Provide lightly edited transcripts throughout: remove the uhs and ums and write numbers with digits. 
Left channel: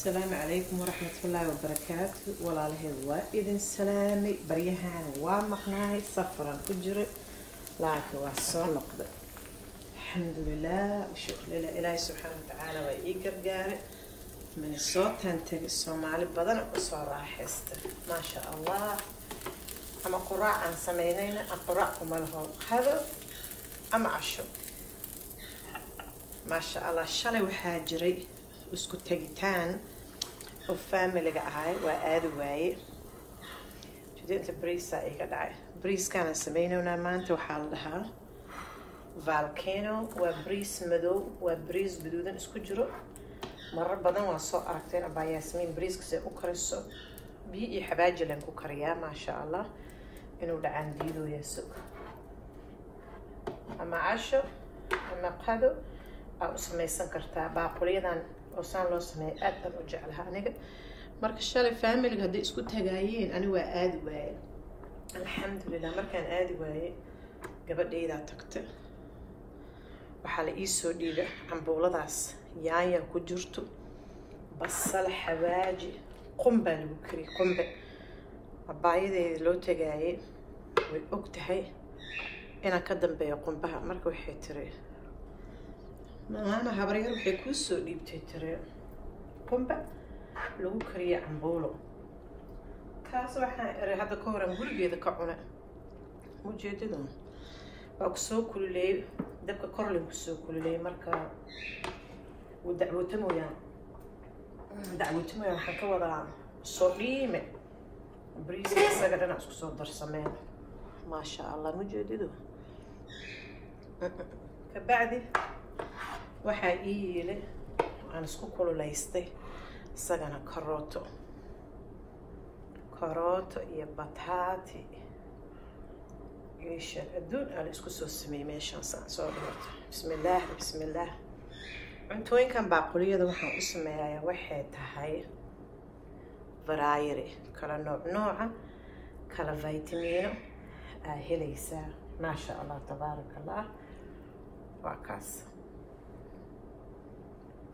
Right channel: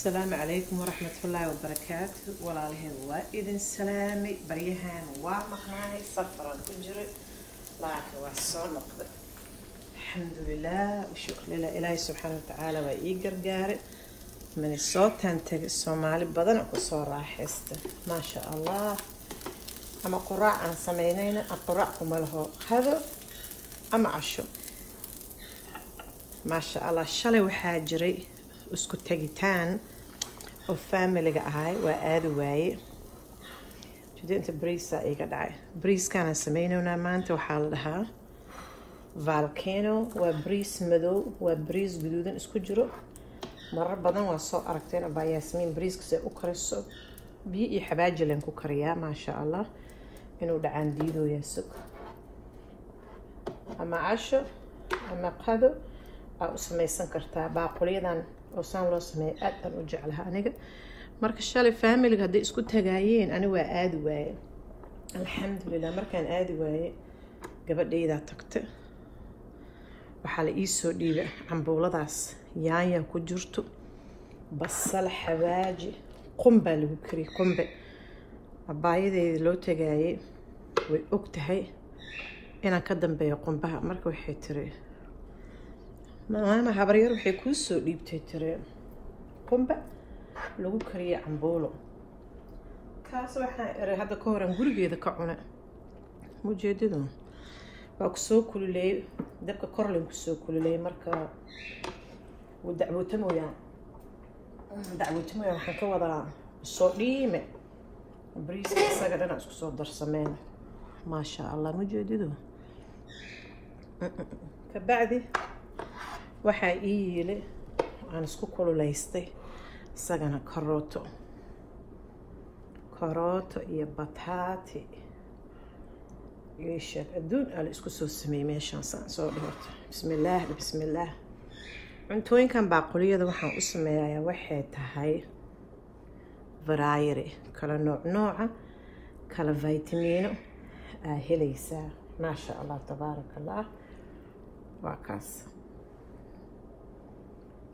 السلام عليكم ورحمة الله وبركاته. ولا له وإذن سلامي بريهان ومقنعي صفرا أجر لكن والصنق الحمد لله وشكر لله إلهي سبحانه وتعالى وإيقر قارئ من الصوت تنتج الصومالي بدنا بصور راحست ما شاء الله. أما قراء عن سمعينين أقرأكم له هذا أما عشو ما شاء الله. شلي وحاجري اسكو تاجيتان وفاميلي هاي وآدي واي جديد بريسا ايقا داعي بريس كان سمينونا مانتي وحالها فالكينو وبريس مدو وبريس بدودن اسكو جرو مرة بدن واسو أركتين أبا ياسمين بريس كسي أكرسو بيئي حباجي لين كوكريا ما شاء الله إنو دعان ديدو ياسو أما عاشو أما قادو أو سميسان كرتا باقوليدان وصان لو سمي أدن وجعلها أنيقا مركا الشالي فاميلي هدي اسكو تاقايين أنا waa aadi waaye alxamdulilah. markaan aadi waaye gabadhaydaa tagta waxaa la ii soo dhiibay cambuuladaas yaanya ku jirto basal xawaaji qumba lagu kariyay qumbe abaayadeeda loo tagaayay way og tahay inaan ka dambeeyo qumbaha marka waxay tiri maama habaryar waxay kuu soo dhiibtay tiri qumba lagu kariyay cambuulo kaas waxaan iray hadda ka horan gurigeeda ka cunay mujeedadu waa ku soo kululay dabka kor lagu soo kululay marka uu dacwootamoyaa waxaan ka wadaa soo dhiime bariiska isaga dhan isku soo darsameen ما شاء الله mujeedadu ka bacdi waxaa ii yili aan isku kululaystay isagana karooto iyo bataati iyo sheeg adduun ala isku soo sameeyay meeshaan soo dhigta bismillaah cuntooyinkan baaquliyada waxaan u sameeyaa waxay tahay variety kala nooca kala vitamino helaysaa ما شاء الله تبارك الله وعكاس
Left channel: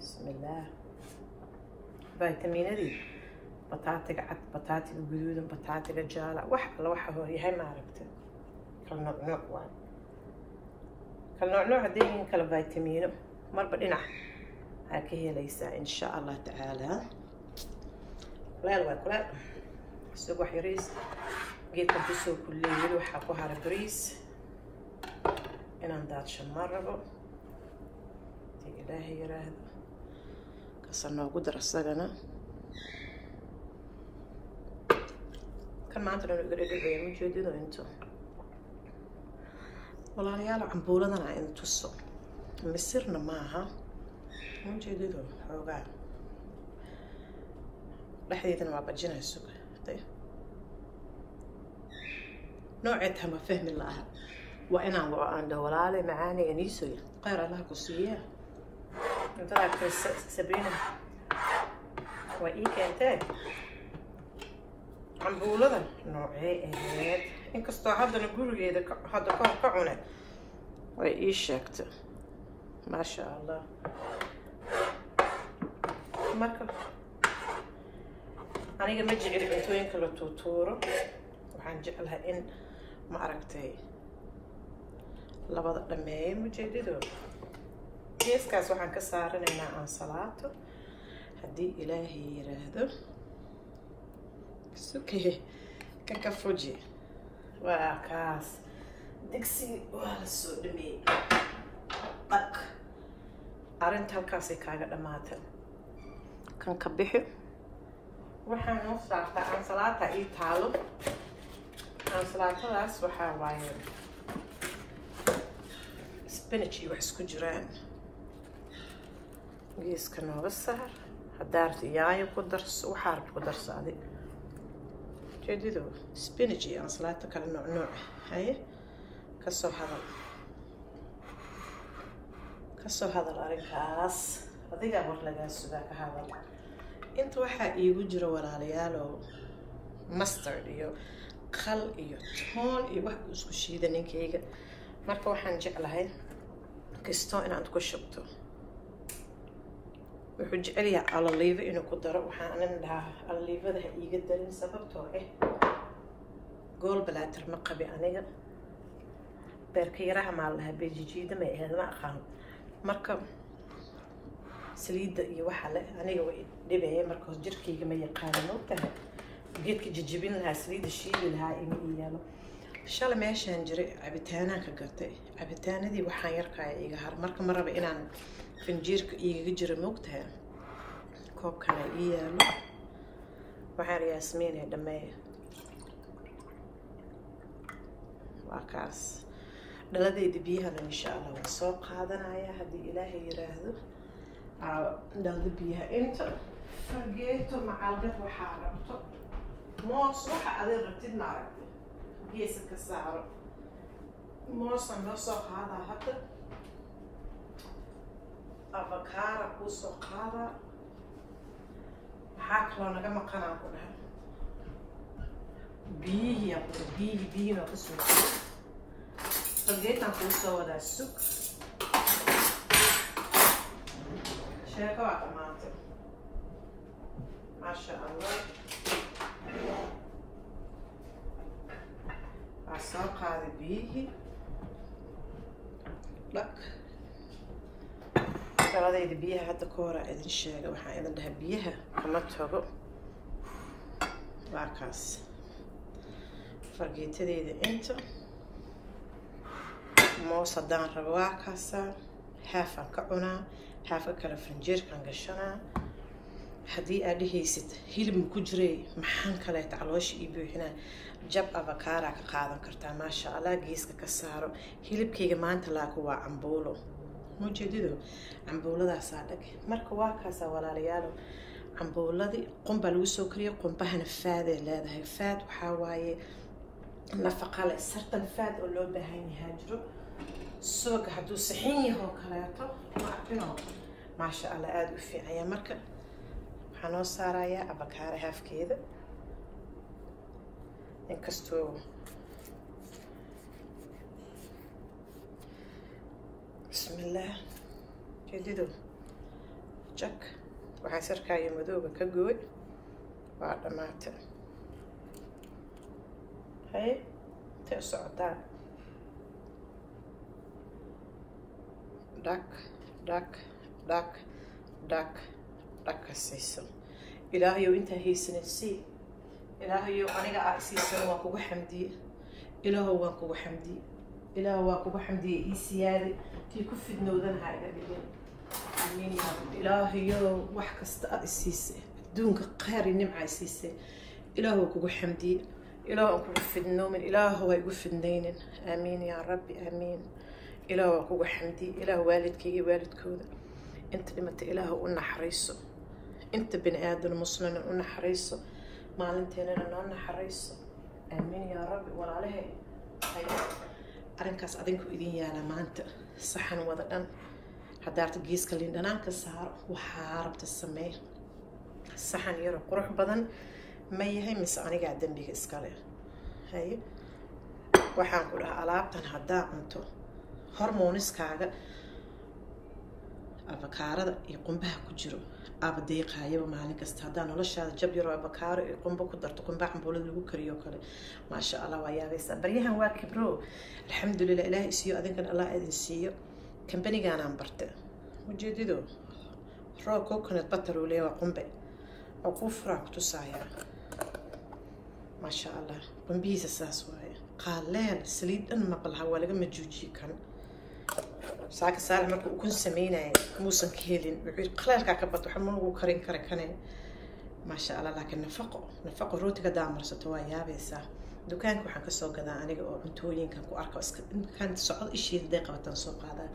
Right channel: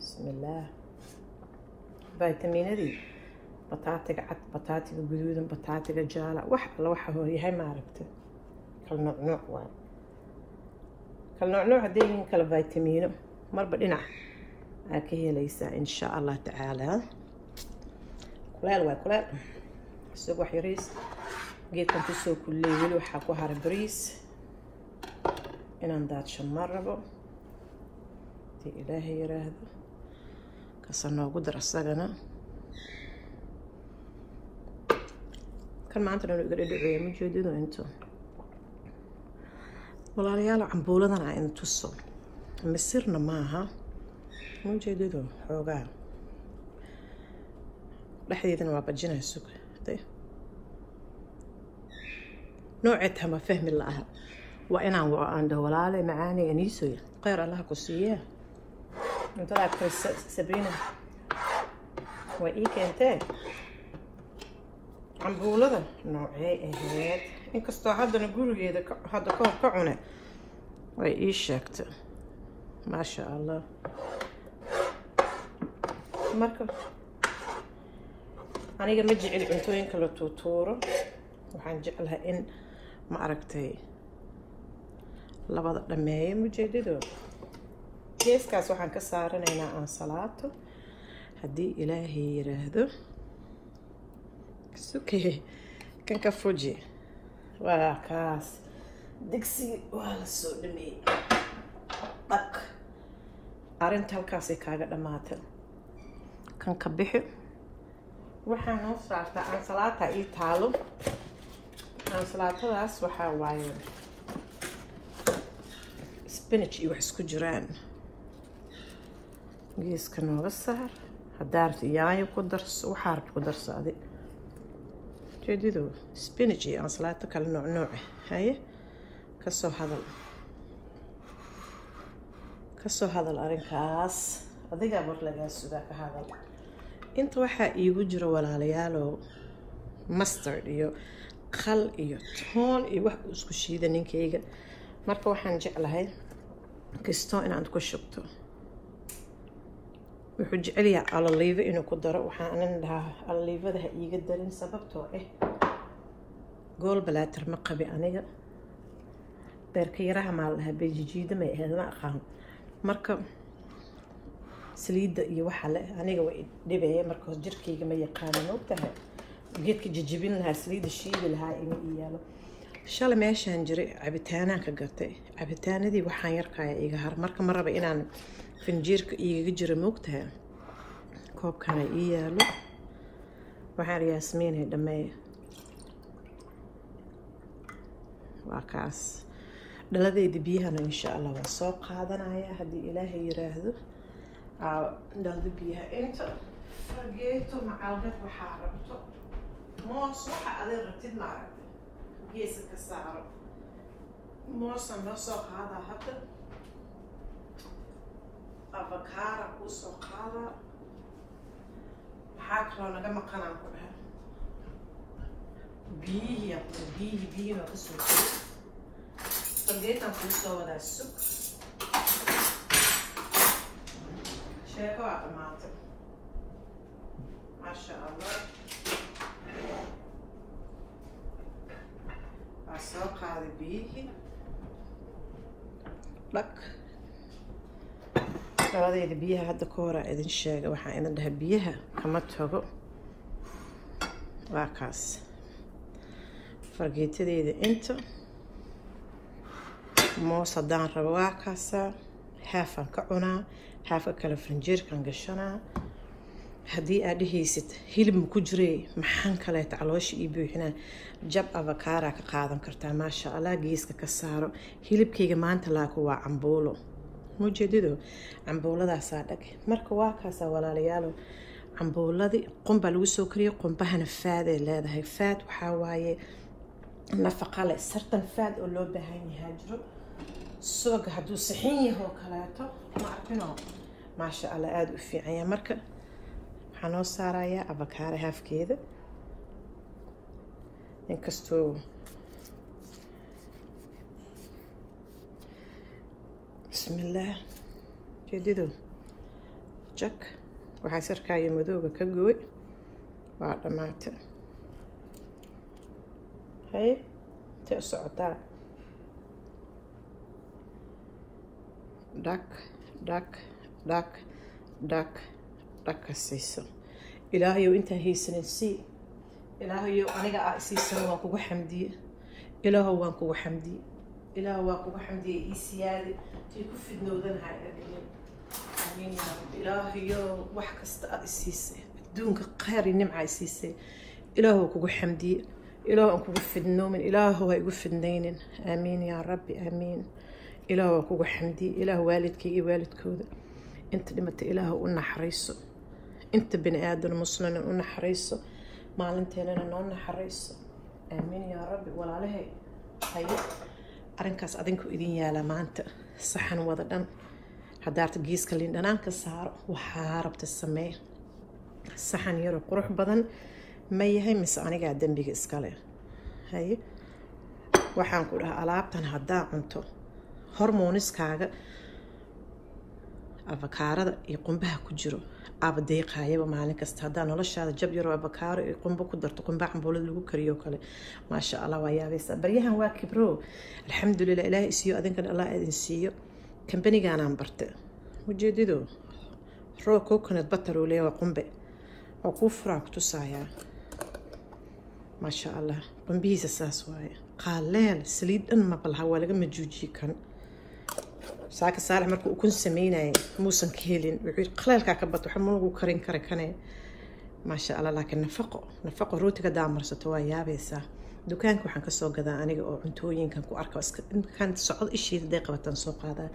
بسم الله فيتامين دي بطاطا عد بطاطا جدود بطاطا جاله واحد هو هي ما عرفت كل نوع وان كل نوع دي كل فيتامين مر بدنا هي ليس ان شاء الله تعالى لا سوق حريص جيت تسوق كل يوم وحكوها بريس إن ندات شمربو تي إلهي يراهد كسرنا قدر السجنة كان ما عندنا نقدر ندعي مجدد وأنتو والله ريال عمبولنا عين تصل مسيرنا معها مجدد حوجا لحديثنا ما بجينا السوق طيب نوعتها ما فهم الله وأنا عند ولالي معاني أنيسوي غير الله كسيه أنت لك سبرينا وإيك أنت نقول هذا نوعي هاد إنك استعد نقول هذا كعنا وإيش شكت ما شاء الله مركب أنا قم أجي إلى أنتوين كل توتورو وحنجعلها إن ما عرفتي labada dhameeyay mujeedado geeskaas waxaan ka saaranaynaa aan salaato haddii ilaahay yiraahdo sukee kan ka fuji waa kaas digsi waa la soo dhameeyay dhaq arinta halkaasay kaaga dhamaatay kan ka bixi waxaan noo saartaa aan salaata ii taalo aan salaatadaas waxaa waaye spinach iyo wax isku jiraan geeska nooga saar hadaart yaanyo ku darso waxaad ku darsaday jeedido spinach iyo ansalaato kala nooc haye kasoo hadal arrinkaas adiga war laga sugaa ka hadal inta waxaa iigu jiro walaalayaalo mustard iyo khal iyo toon iyo wax isku shiida ninkayga marka waxaan jeclahay كستو إن عندكم شبتو wuxuu jecel yahay alaliivo inuu ku daro. waxaan anan dhahaa alaliivada ha iiga darin sababtoo gallbladder ma qabi aniga. beerka yaraha maa la dhahaa bejijiida may ahayd ma aqaan. marka saliidda iyo waxa le aniga way dhibaya marka jirkayga ma yaqaanin ogtahay. geedka jijibin lahaa saliidda shiili lahaa ima ii yaalo. shalay meeshaan jiray cabitaanaan ka gatay. cabitaanadii waxaan yarkaya iga har marka ma raba inaan finjiirka igaga jira moogtahay. koobkana ii yaalo. waxaan yaasmiinay dhameeya. waa kaas dhaladayda biyahana insha allah waa soo qaadanaya haddii ilaahay yiraahdo. dhalada biyaha inta fargeeto macalgad waxaa rabto moos waxa adig rabtid ma aragti geesa ka saaro. moosaan loo soo qaadaa hadda. avakaara kuu soo qaadaa. maxaa kaloo naga maqanaan ku dhahay biyihii maa kusoo jiro. fargeetaan kuu soo wadaa sug. sheeko waa dhamaatay maasha allah. waa soo qaaday biyihii dhag. dhaladayda biyaha hadda ka horaa idin sheega. waxaan idin dhahay biyaha kama tago. waa kaas fargeetadeyda inta moos haddaan rabo waa kaasaa. haafaan ka cunaa. haafka kale finjeerkan gashanaa. haddii aad dhehaysid hilib ma ku jiray maxaan kaleeta caloosha ii buuxinaa jab avakaara ka qaadan kartaa maasha allah. geeska ka saaro. hilibkayga maanta laaku waa cambuulo mujeedido. cambuuladaasaa dhag. marka waa kaasaa walaalayaalo. cambuuladii qumbaa lagu soo kariyo. qumbahana faaday leedahay. faad waxaa waaye nafaqa leh. sartan faad oo loo baahan yahaa jiro. sooga hadduu saxin yahoo kaleeto ma arkino maasha allah aada u fiican yahay. marka waxaa noo saarayaa avakaara haafkeeda. inkastoo bismillaah jeedido jak waxaa sarkaayo madooga ka gooy. waa dhammaatay. hay intay u socotaa dhag dhag dhag dhag dhag ka siiso. ilaahayow intaan haysanin sii. ilaahayow aniga aa isiisan waan kugu xamdiye. ilaahow waan kugu xamdiye. ilaahow waan kugu xamdiye ii siyaadi tii ku fidnoodanaha dhagilin. amiin yaa rabbi. ilaahayow wax kasta aa isiisay adduunka khayr iyo nimca isiisay. ilaahow kugu xamdiye. ilaahow aan kugu fidnoomin. ilaahow ha igu fidnaynin. aamiin yaa rabbi aamiin. إله وكوجو حمدي. إله والدك والد كودا. أنت لما تإله قلنا حريصه. أنت بني آدم مسلم قلنا حريصه. ما أنت لنا قلنا حريصه. آمين يا رب. ولا عليه. هاي. أرنكاس أدينكو إدين يا لما أنت صحن وضدم. حضرت جيس كلين أنا كسار وحاربت السماء. صحن يروح روح بدن ما يهي مسأني قاعدين بيجسكله. هاي. وحنقولها ألعبتنا هدا أنتو. hormoniskaaga avakaarada iyo qumbaha ku jiro aaba deeqaayaba maalin kasta. haddaa noloshaada jab yaro avakaaro iyo qumbo ku darto qumba cambuulada lagu kariyo kale maasha allah waa yaabaysaa. baryahan waa kibro alxamdulilah. ilaahay isiiyo adinkan allah idin siiyo. kambanigaanaan barte ujeedido raw coconut butter oo leeyahay qumbe oo kuu furaa ku tusayaa maasha allah. qumbihiisa saas waaye qaaleel saliid dhan ma balha waa laga majuujiyi kan. saaka saara markuu ukun sameynayay muusan ka helin. wuxuu qaleelkaa ka bato waxa moogu karin kara kane maasha allah. laakiin nafaqo rootiga daamarsato waa yaabaysaa. dukaanka waxaan kasoo gadaa aniga oo cuntooyinkan ku arko kan socod ishiida day qabataan soo qaadaa.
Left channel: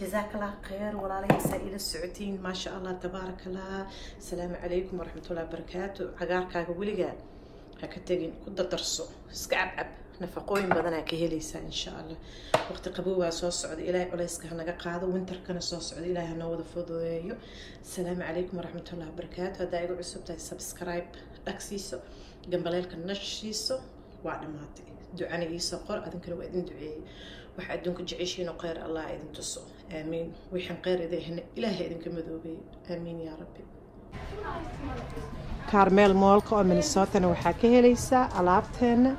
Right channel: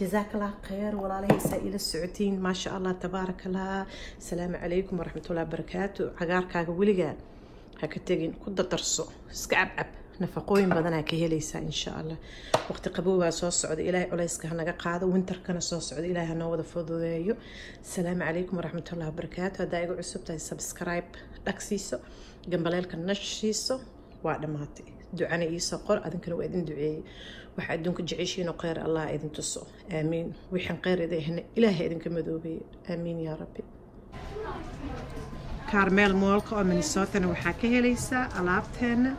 jazaakallah khayr walaalahaysaa ila socotiin maasha allah tabaarakallah. asalaamu calaykum waraxmatullahi wabarakaatu. cagaarkaaga weligaa ha ka tegin ku dardarso iska cabcab. nafaqooyin badanaa ka helaysaa insha allah. waqti qaboobaa soo socda. ilaahay culayska hanaga qaado. winterkana soo socda. ilaahay hanoo wada fududeeyo. asalaamu calaykum waraxmatullahi wabarakaatu. haddaa igu cusub tahay subscribe dhagsiiso. gambaleelka nashiiso. waa dhammaatay. ducana iisoo qor adinkana waa idin duceeyey. waxa adduunka jeceshiin oo khayr allah idin tuso aamiin wixii khayr idin ilaahay idinka madoobeeyo aamiin yaa rabbi Carmel Mallka oo Minnesota waxaa ka helaysaa alaabteena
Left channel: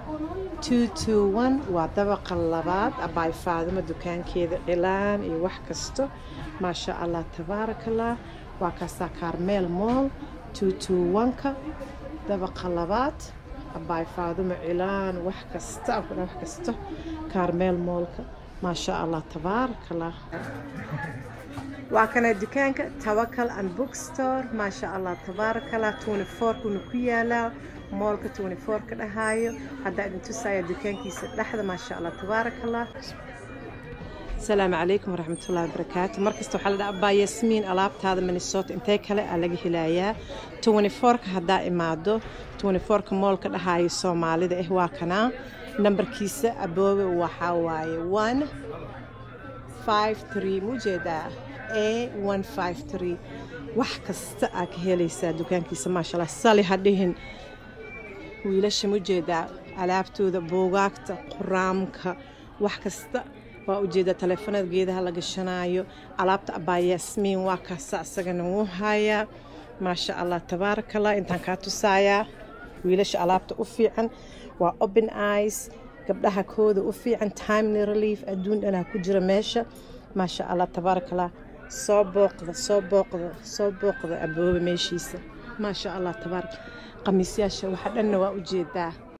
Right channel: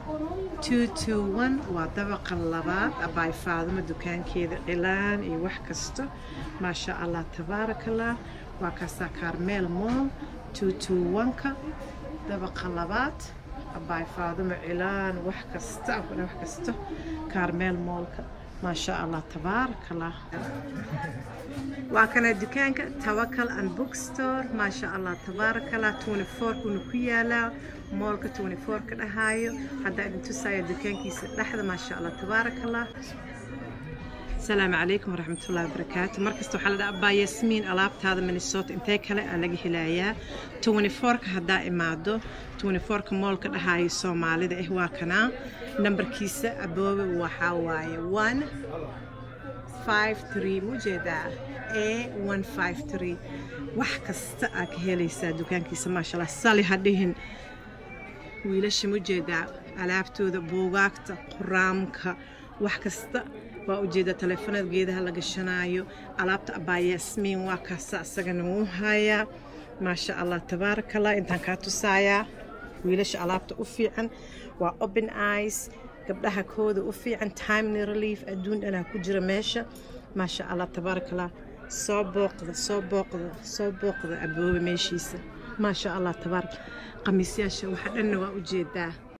221 waa dabaqa labaad abay faadima dukaankeeda dhilaan iyo wax kasto ma sha Allah tabarakallah waa kaasa Carmel Mall 221ka dabaqa labaad abay faadima dhilaan wax kasto Carmel Mallka ما شاء الله تبارك الله وكان دكانك توكل and bookstore ما شاء الله تبارك الله 24 كنا كيالا مولك 24 كده هايو هذا إذا تسايا دكانك لحظة ما شاء الله تبارك الله السلام عليكم ورحمة الله وبركاته مركز توحل أبا ياسمين ألابت هذا من الصوت انتهيك ألاقي هلايا 24 هذا إمادو 24 مول كده هاي الصومالي ده هو كنا نمبر كيسة أبوه وحواي 153 موجودة A153 وحكست أكهليسا دكان كيسة ما شاء الله صالي هديهن ويلاش موجودة ألابتو ذا بوغاكتا قرامكا وحكست وأوجد تلفونات جيدها لقشنايو ألابت أبا ياسمين وكاسا سجنو هايا ما شاء الله تبارك الله إنتان كاتو سايا ويلاش ألابت أفيعن وأوبن آيس قبلها كود أفيعن تايملي ريليف أدون أنا كجرة ماشا ما شاء الله تبارك الله صوبوق أبوه ماشيسة ما شاء الله تبارك قميص ياشا وحد أنه وأوجد